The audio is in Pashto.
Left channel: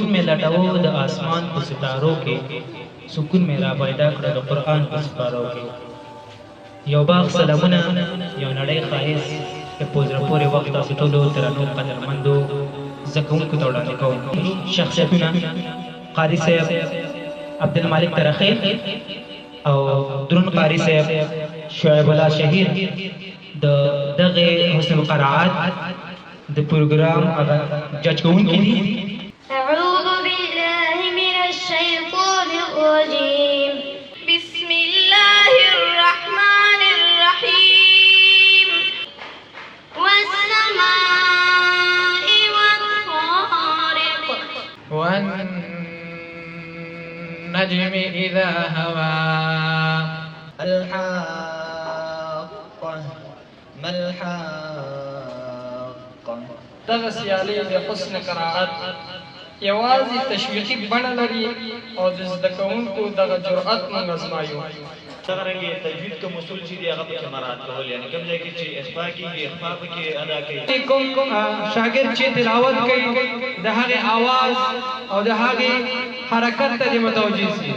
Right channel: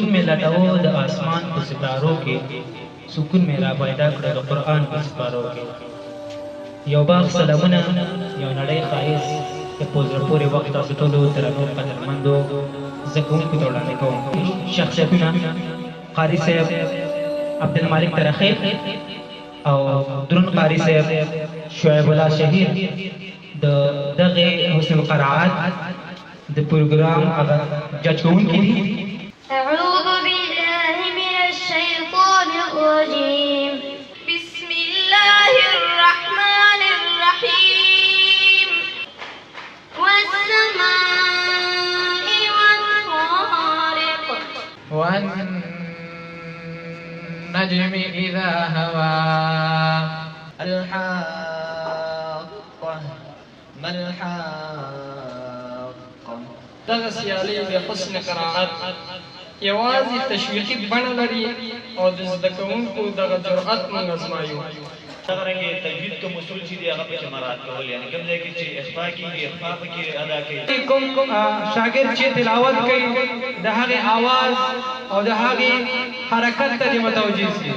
سکون میں لٹاو د آسمان په ستارو کې سکون میں را پیدا کړ د قرآن په سپارو کې یو باغ سلامونه یو نړۍ ښایست د په زړه پورې وخت تاسو ټولو درنو قدرمندو زه کوونکو ته وړاندې کوم شخصیتونه قاري صاحب عبدالمالک ترخی او درون قاري صاحب شعیب الله شهید د دغه حسن قرائت د پروګرام هغه جج کوونکي دي. أعوذ بالله من الشيطان الرجيم. بسم الله الرحمن الرحيم. والسماء والطارق والنجم إذا هوى الحاقة ما الحاقة. دغه سیالي د حسن قرائت یوازې تشویقي بڼه لري او د زده کوونکو دغه جرأت موږ ازمایو. څنګه تجوید کوم اصول چې دی هغه په مراعات کول یعنی کوم ځای کې چې اخفاء کیږي اخفاء کې ادا کوي کوم شاګرد چې تلاوت کوي د هغه आवाज او د هغه حرکت ته متوجه شي.